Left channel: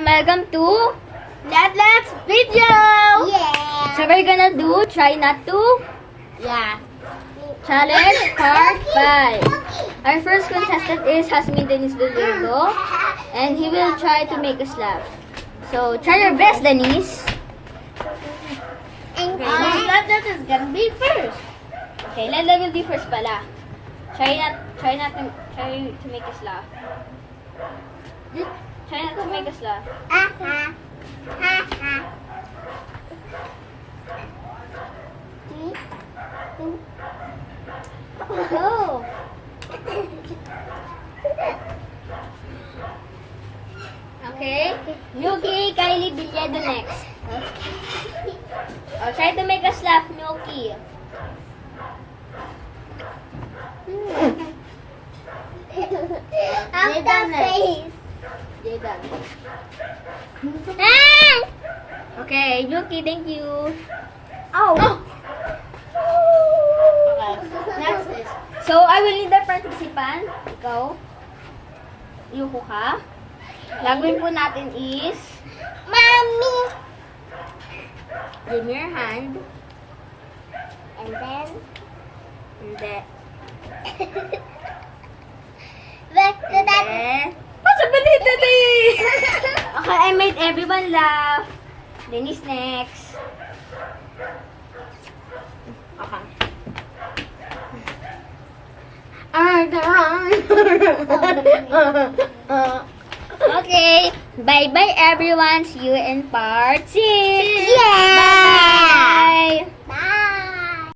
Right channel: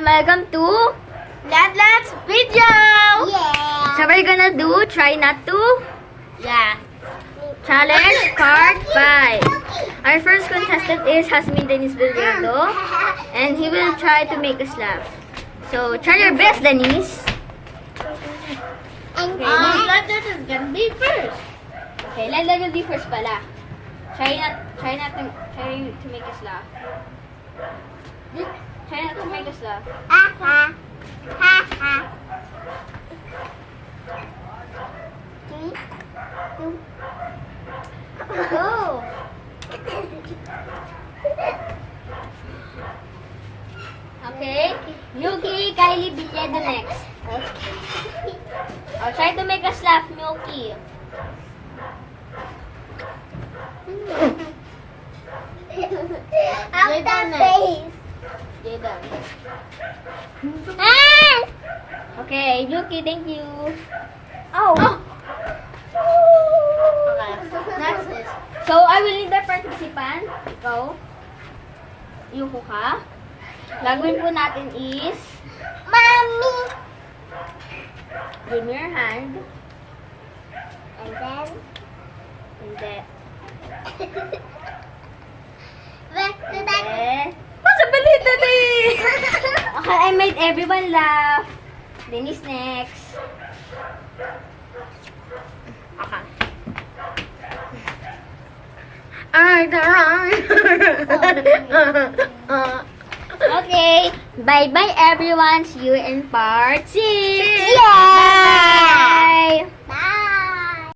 everyone, welcome to Let's video. Yeah. So we're gonna do try not to Yeah. challenge part 5. Our first contestant is Hasmin Denise Villardo, and he will try to make us laugh. So try your best, Denise. And Okay, that is gonna be first. Okay, let will be first pala. Try to make us laugh. Try not to make us laugh. Ha ha. Ha ha. Oh. Okay, Yuki, Kylie, Billedo next. Oh, try to make us laugh, Yuki. After face. Jada. Ah! Okay, Yuki, thank you. Oh. Okay, next is... So, I will need the participant. Ikaw. Yuko ka. Gagawin po natin is... Mommy. Give me your hand. And then. Hindi. Back to that. Hindi. What's up, Benita? Okay, I made everyone laugh. Denise next. Okay. Okay. Bye-bye, everyone. See you in part 6. Yeah. Bye-bye.